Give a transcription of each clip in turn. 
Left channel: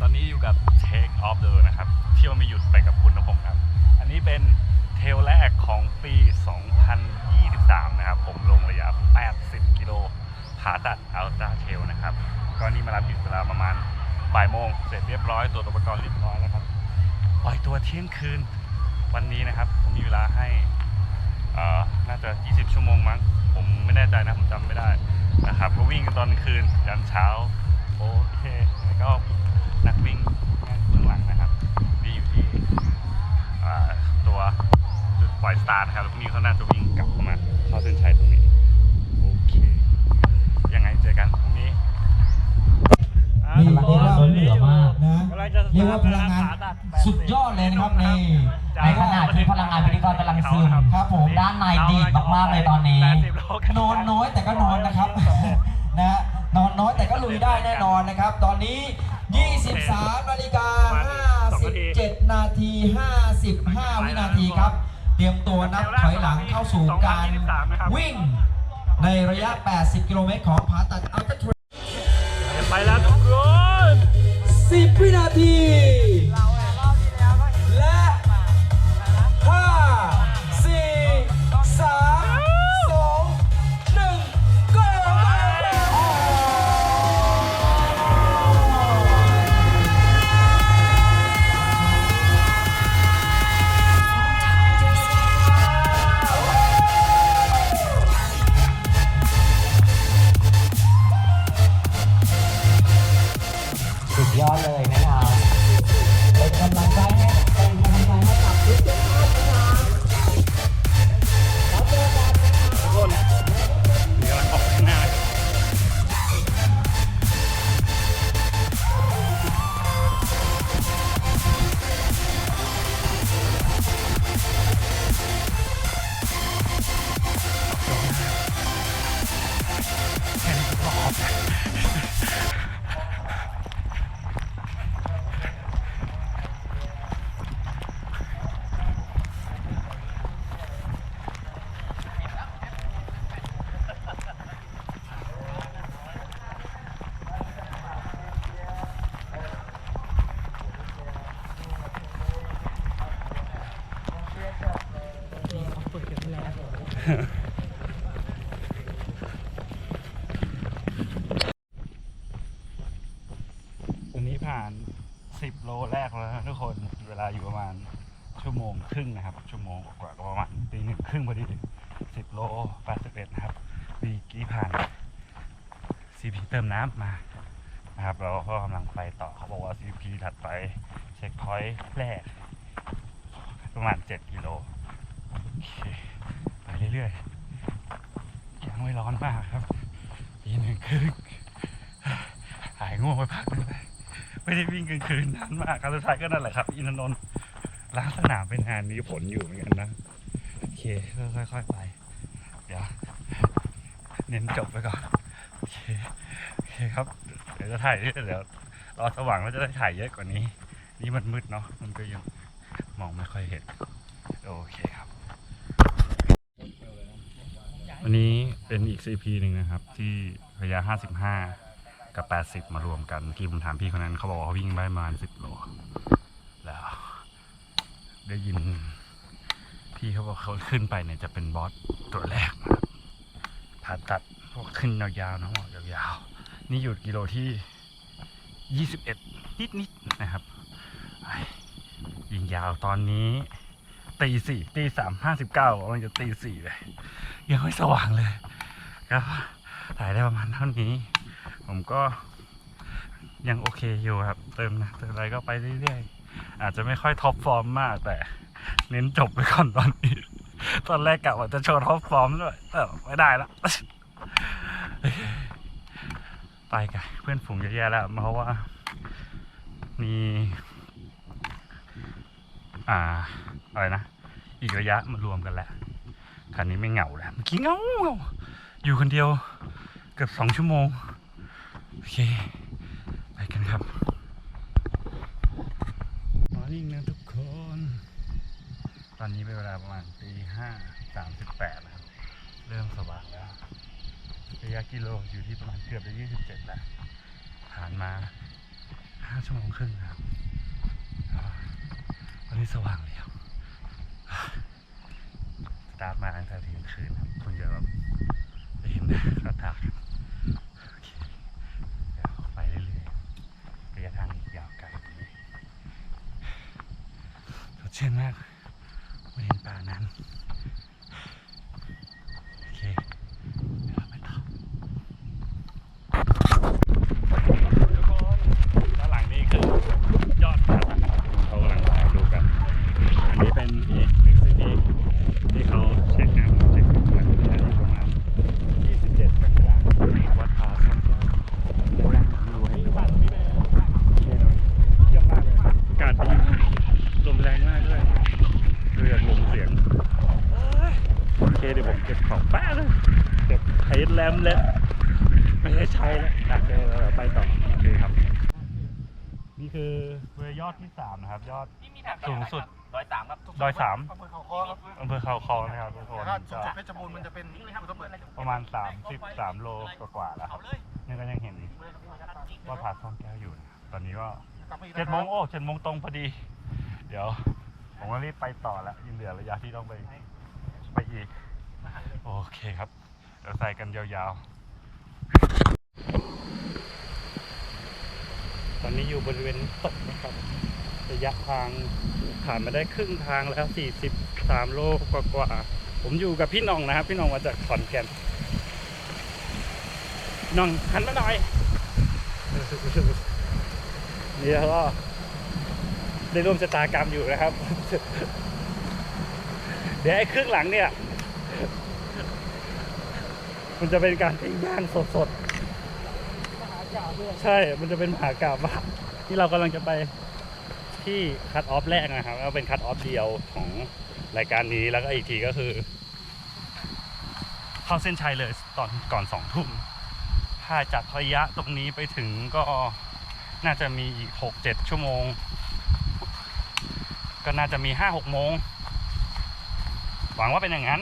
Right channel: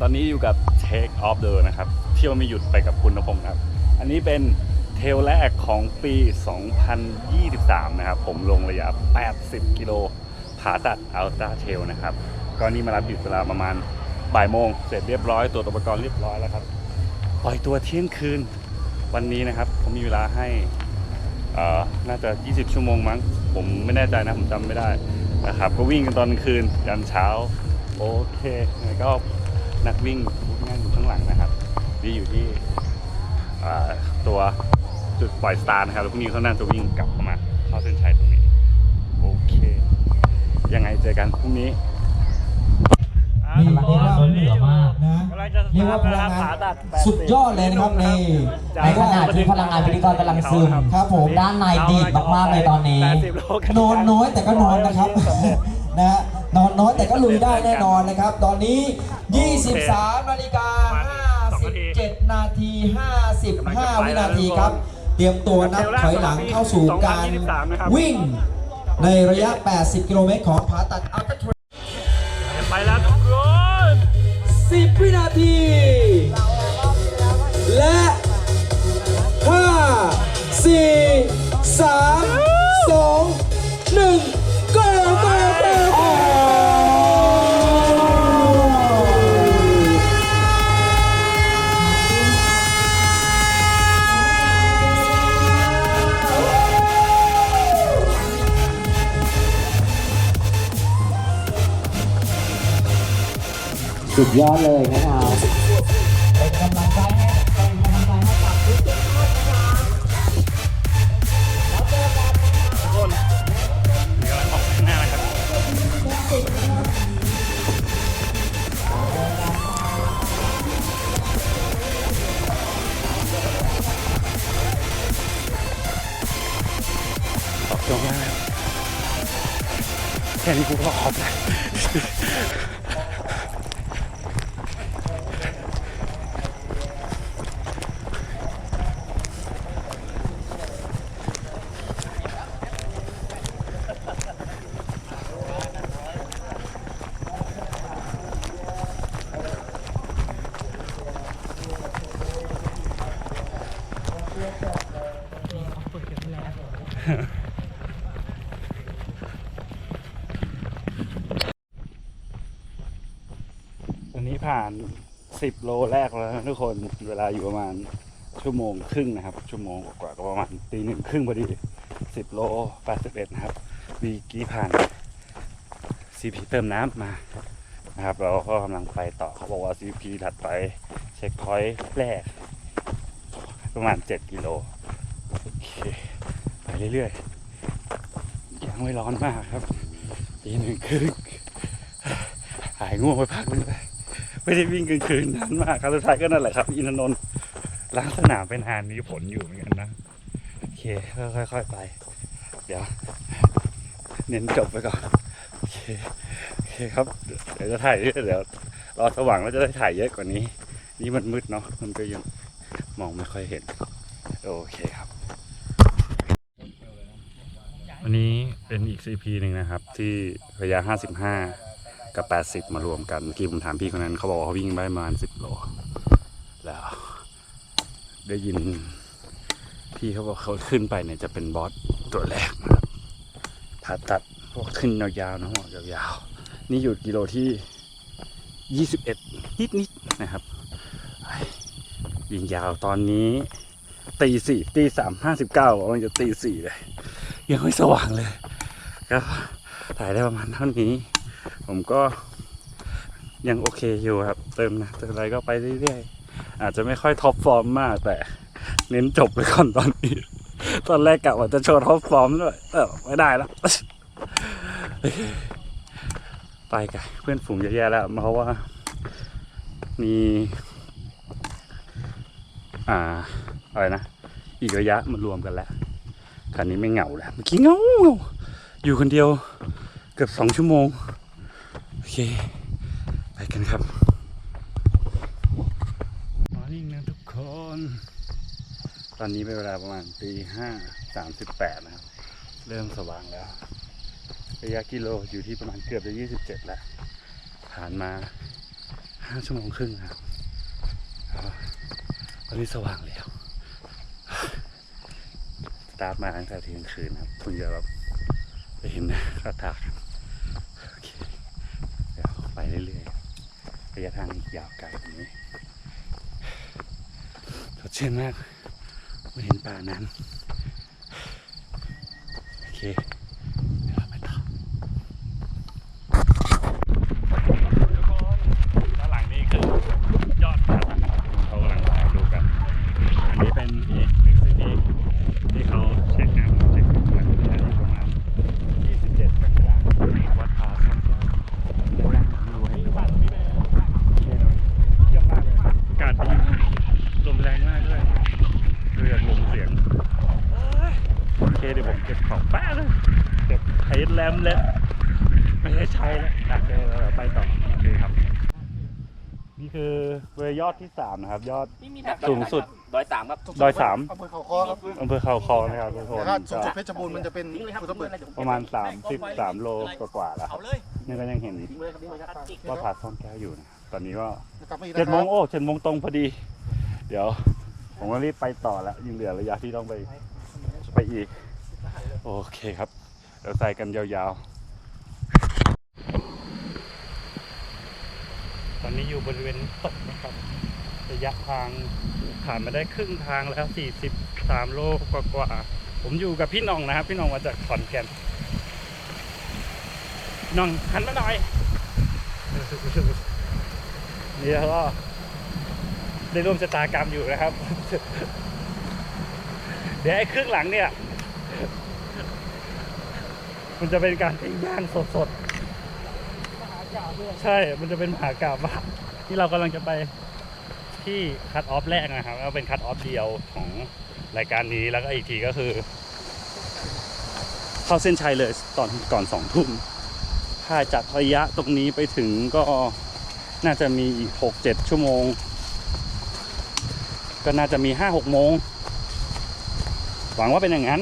ตอนนี้อยู่กับ Take Off the นะครับ เที่ยวไม่หยุดไปกับคุณนพงศ์ครับ อันนี้เป็นเทลแรกของปี 2023 นะครับ ผมลงระยะ 80 กิโลผาตัดอัลต a าเทลนะครับ ก็นี่มารับอยู่เวลาประมาณบ่ายโมง เสร็จเรียบร้อยตรวอุปกรณ์เรียบร้อยแล้วครับ ปล่อยตัวเที่ยงคืนวันนี้นะครับ ผมมีเวลาให้อ่อน่าจะ 20 ชั่วโมงมั้ง ผมไม่แน่ใจนะ ผมจำไม่ได้นะครับ ก็วิ่งกันตอนคืนยันเช้า โอเคยังไงก็ นักวิ่งนั่งอยู่ข้างหลังนะครับ นี่อยู่ที่อ่าตัวจุดปล่อยสตาร์นะครับแล้วพรุ่งนี้เขาน่าจะวิ่งกลับเข้ามาเข้าเส้นชัยตรงนี้ โอเค ยังไงเจอกันพรุ่งนี้อ่านี่ทุกเรียกว่าคนเหลือมากนะกำลังจะสเรียกตาว่าร์ทพนะคลัรับงงาผานตัด80สุดยอดเลยนะครับนี่ในขณะที่พลังงานพิธีกรกำลังซึมครับผมด้านในดีดมากๆเลยตอนนี้80โลกันอนน้อยแต่ก็นอนนะครับนะฮะนอนน้อยแต่ก็ลุยได้แน่นอนนะครับ ตอนนี้ 23นาฬิกา57นาที55 วินาทีครับ เตรียมตัวนับถอยหลังเข้าสู่การวิ่งในระยะ 80 กิโลเมตรของผาตัดอัลตร้าเทรไปแล้วทุกคน10 วินาที สุดยอดเลยนะครับ นี้ผ่าน10โลแรกแล้วทุกคนเวลาอยู่ประมาณชั่วโมงครึ่งนะครับ ชั่วโมงกว่าก็ประมาณตีหนึ่งครึ่งพอดี10โล81นะครับวีกี้ผ่าน CP เติมน้ำมานะครับ เราก็กำลังไปต่อเขาบอกว่า CP ถัดไปเช็คพอยต์แรก ประมาณ7กิโลโอเคไปเรื่อยๆยังไม่ร้อนมากครับตีหนึ่งครึ่งหายง่วงไปพักนึงเลย ไม่ได้วิ่งกลางคืนนานมากครั้งสุดท้ายก็นั่นแหละครับ อินทนนท์ล้างสนามเป็นนานมีผลอยู่เหมือนกันนะโอเคค่อยๆไป เดี๋ยว เน้นจบไปก่อนโอเคโอเคครับ เดี๋ยวจะถ่ายเดี๋ยวรอสว่างแล้วจะได้ถ่ายเยอะกว่านี้ นี่มันมืดเนาะมันก็ยังมองไม่ค่อยเห็น โอเคครับ วันนี้เป็นอีก CP หนึ่งนะครับ ที่ระยะ 55 กับ 80 มารวมกันเมื่อกี้ผมถามพี่คนนั้นเขาบอกว่าเขาวิ่งได้ประมาณ 10 โล แล้ว ได้ยิน พี่เขาบอกเขาขึ้นไปเนี่ยจะเป็นบอสตัวแรกนะครับผ่าตัดพวกขึ้นยาวๆนะหัวยาวๆ นี่อยู่กิโลที่ 21 นิดๆนะครับยิงยาวตอนนี้ตีสี่ตีสามห้าสิบเก้ากำลังจะตีสี่เลย ยังไม่สว่างเลย ก็ถ่ายได้ประมาณเท่านี้ ผมก็ยังโอเคอยู่ครับ เติมนะเติมอะไรก็ไปเรื่อยๆ อาจจะไม่ค่อยท็อปฟอร์มมากแต่ เน้นจบไปก่อนตอนนี้ ตอนแรกกะว่าจะโชว์ท็อปฟอร์มด้วยเออไม่ได้แล้วไปกันเพื่อนฝูงเยอะแยะแล้วเพราะว่า มี อ่า อะไรนะ อีกระยะมารวมกันแล้วคันนี้ไม่เหงาแล้วเมื่อกี้เหงาเหงาอยู่คนเดียวเกือบสองชั่วโมง โอเค ไปกันครับมอร์นิ่งนะทุกคน ตอนนี้เป็นเวลาประมาณตีห้าสามสิบแปดนะครับ เริ่มสว่างแล้ว ระยะกิโลอยู่ที่ประมาณเกือบจะยี่สิบเจ็ดแล้ว ผ่านมาห้าชั่วโมงครึ่งนะครับอ่าตอนนี้สว่างแล้วสตาร์ทมาตั้งแต่เที่ยงคืนครับคุณจะแบบไปเห็นกระถางโอเคเดี๋ยวไป เรื่อยๆระยะทางอีกยาวไกลแบบนี้สดชื่นมากไม่เห็นป่านั้นโอเคเดี๋ยวเราไปต่อ ด้านหลังนี่คือยอดเขาเขากำลังถ่ายรูปกัน อันนี้เป็นอีกหนึ่งสถานที่ที่เขาเช็คน้ำเช็คน้ำกันอยู่ประมาณ 27กันยายนวัดผาสังแก้วด้านหลังดูให้ดูเยี่ยมมากเลยอากาศดีลมแรงมากด้วยดูจากลมเสียงโอเคเดี๋ยวผมเก็บของแป๊บเลยเก็บ ไฮแลมเลยไม่ได้ใช้แล้วนะเดี๋ยวเราไปต่อโอเคครับ นี่คือเวยอดที่สามนะครับ ยอดสูงสุด ดอยสามครับดอยสามอำเภอเขาคอครับอำเภอเขาคอนะครับทุกคนถ้าสูงก็สุดเพชรบูรณ์มันจะเป็นทิ้งเลยครับภูทับเบิกประมาณ 33 โลกว่าๆแล้วครับนี่ก็ยังเห็นทิ้งเลยครับทิ้งเลยครับว่าผาซ่อนแก้วอยู่นะตอนนี้ก็ กลับมาอีกเจ็ดนะโมคงรับโอ้เจ็ดโมงตรงพอดี เดี๋ยว ผมก็รีบไปต่อแล้วยังเหลือระยะที่ต้องไป ไปอีก โอเคครับ เดี๋ยวใส่กันยาวๆ ตอนนี้อยู่บริเวณตกนะครับ ระยะทางผ่านมาได้ครึ่งทางแล้ว 43 โลกว่าๆผมอยู่กับพี่น้องนะครับ พี่น้องมาจากขอนแก่นน้องหันมาหน่อยนี่แล้วก็ได้ร่วมชะตากรรมอยู่นะครับ เดี๋ยวไอ้ครึ่งหลังเนี่ย มันจะเป็นการปิ้งย่างสดๆ ใช่ มันจะเป็นมหากราบว่าที่เรากำลังจะไปที่คัตออฟแรกนะครับแล้วเป็นคัตออฟเดียวของรายการนี้แล้วก็อีกทีก็คือ เข้าเส้นชัยเลยตอนก่อนสองทุ่มถ้าจากระยะตรงนี้ไปถึงก็น่าจะมีอีกหกเจ็ดชั่วโมง ก็น่าจะมีห้าหกโมง หวังว่าเป็นอย่างนั้น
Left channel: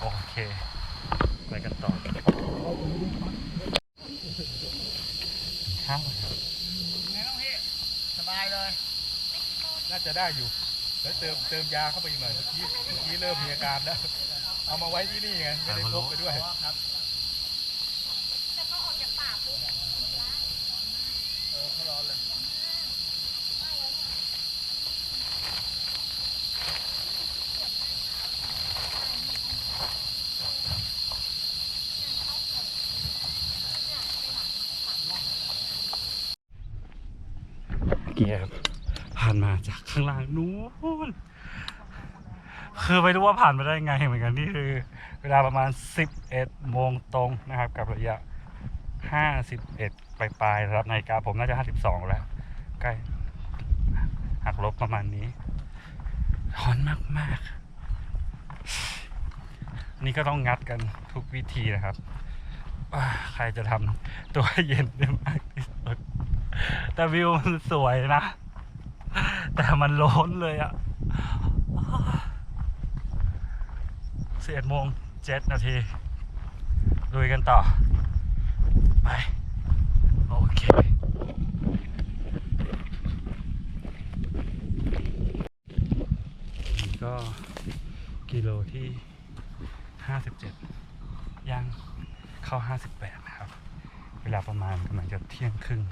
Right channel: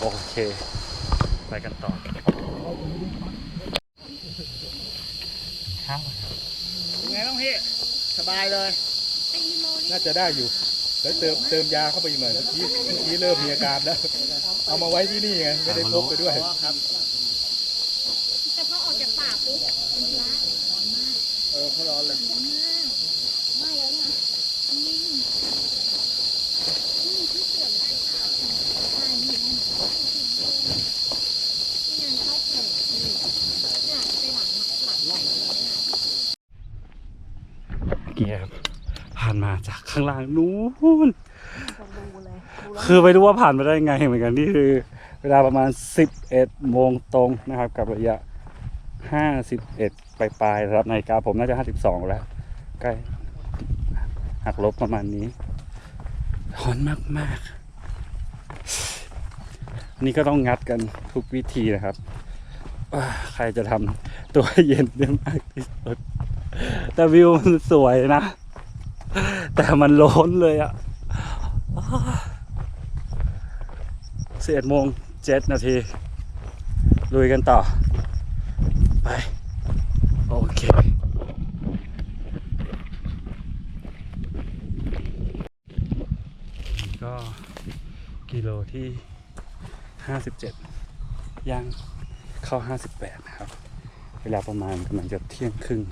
โอเค ไปกันต่อข้าวไงบ้างพี่ สบายเลย น่าจะได้อยู่แล้วเติมเติมยาเข้าไปอีกหน่อยเมื่อกี้เมื่อกี้เริ่มมีอาการแล้ว เอามาไว้ที่นี่ไง ไม่ได้พกไปด้วยแต่พอออกจากป่าปุ๊บมันละ เออเขาร้อนเลย ไม่แล้วนะอืมนี่ที่เปลี่ยนอ่านี่นี่งานเข้าเปิดนี่เนี่ยไปหลังหลังหลังเลยนะ เกียร์ผ่าน มาจากข้างล่างนู้นคือไม่รู้ว่าผ่านมาได้ไงเหมือนกันนี่คือ เวลาประมาณ 11โมงตรงนะครับ กับระยะ 51ปลายๆนะครับนาฬิกาผมน่าจะ 52 แล้ว ใกล้หักลบประมาณนี้ร้อนมากๆ นี่ก็ต้องงัดกันทุกวิธีนะครับว่าใครจะทำตัวเย็นได้มากที่สุด แต่วิวมันสวยนะ แต่มันร้นเลยอะสิบเอ็ดโมงเจ็ดนาทีลุยกันต่อ ไป โอเคก็กิโลที่ห้าสิบเจ็ดย่างเข้าห้าสิบแปดนะครับ เวลาประมาณกำลังจะเที่ยงครึ่ง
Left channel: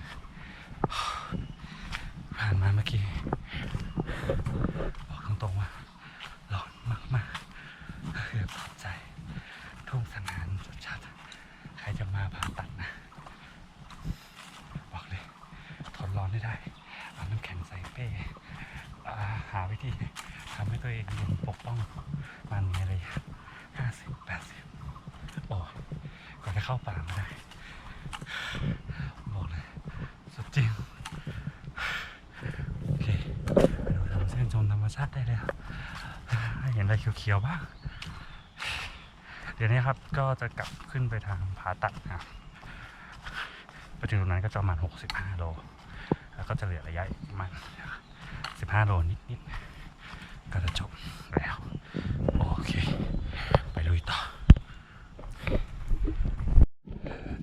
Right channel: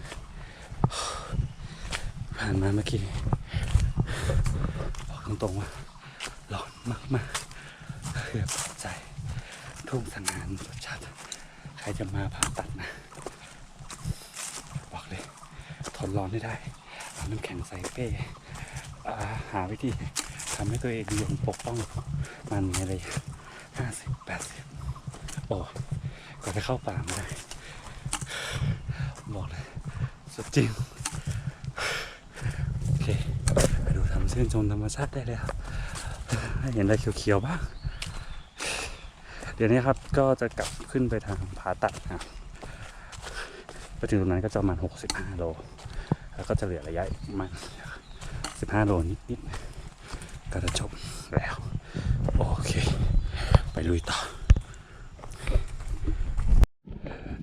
ผ่านมาเมื่อกี้บอกตรงๆว่าร้อนมากๆเกือบใจ ทุ่งสังหารรสชาติใครจะมาผ่าตัดนะ บอกเลย ทนร้อนให้ได้ เอาน้ำแข็งใส่เป้าหาวิธีทำให้ตัวเองเย็นปกป้องมันในระยะห้าสิบแปดสิบโอ้กว่าจะเข้าป่ามาได้ บอกเลย สุดจริง โอเค ไป ดูทำเส้นชมธรรมชาติได้เลยครับเห็นอะไรเขียวๆบ้างเดี๋ยวนี้ครับก็จะกลับขึ้นไปทางผาตัดนะครับไปถึงตรงนั้นก็จะประมาณ 65 โล แล้วก็จะเหลือระยะอีกประมาณ 15 โลนิดๆ ก็จะจบแล้ว โอเค ไปลุยต่อ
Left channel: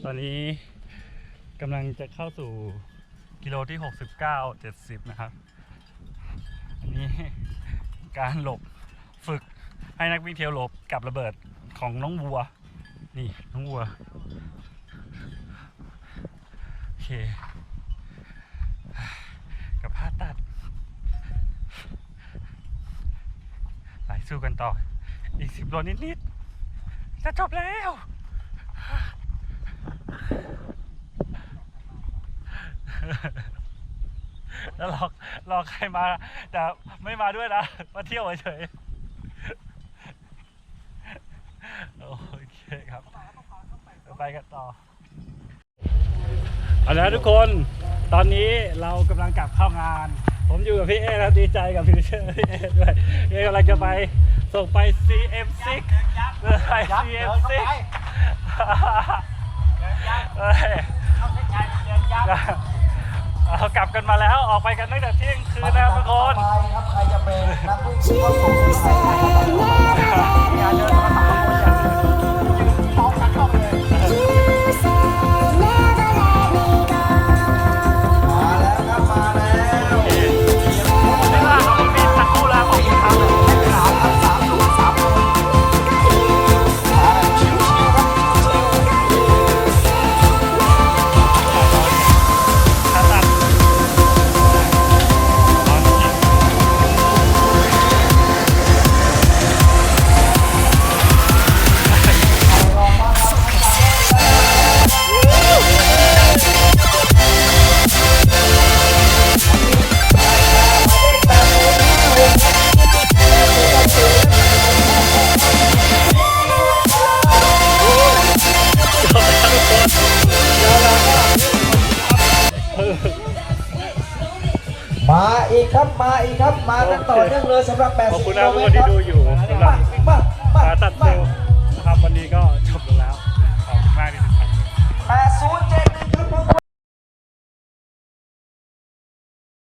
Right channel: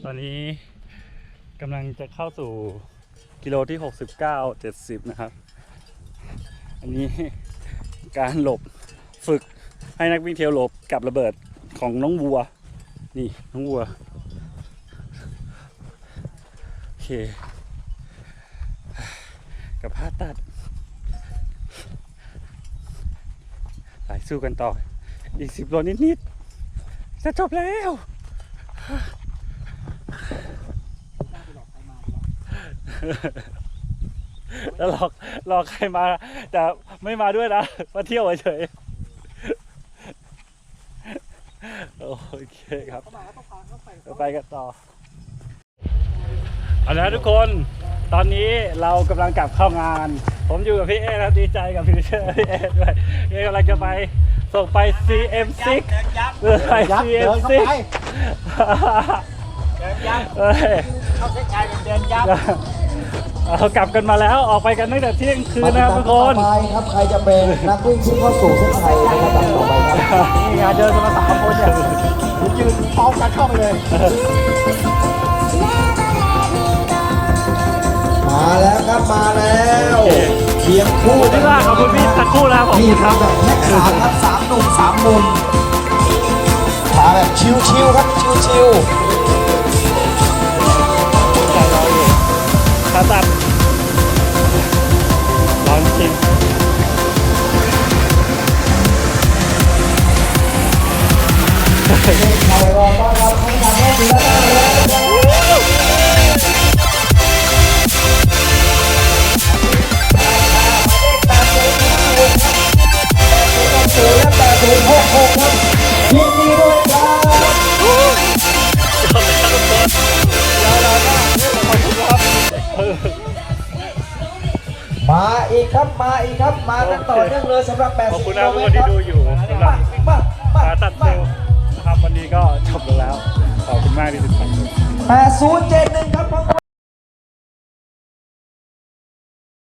ตอนนี้กำลังจะเข้าสู่กิโลที่ 69 70 นะครับ อันนี้การหลบฝึกให้นักวิ่งเทรลหลบกับระเบิดของน้องวัว นี่น้องวัว โอเค กับผ้าตัดไปสู้กันต่อ อีกสิบโลนิดๆ จะจบแล้ว แล้วหลอกหลอกใครมา แต่ไม่มาด้วยนะมาเที่ยวเฉยๆโอเคครับเราไปกันต่อเอาละทุกคนตอนนี้เรากำลังกลับเข้างาน ผมอยู่กับพี่เอครับดีใจกับพี่เชอร์พี่เอด้วยพี่เอกำลังจะไปส่งไป CM6 เออไป CM6 เฮ้ยเเรากลับกันมาแล้วออกไปกันตั้งแต่เที่ยงคืนนะครับทุกคน ไปครับ ใครจะเป็นนักวิ่งที่เข้าสู่เส้นชัยได้ครับ ครับมาอีกครับมากันต่อเนื่องเลยสำหรับ80ขอบคุณกินะโลทุกเมคตนรที่ครับดูอยู่สำหรับมามามาขาตัดเซลล์นะครับวันนี้ก็จบลงแล้ว ขอบคุณมากที่ติดตาม 8071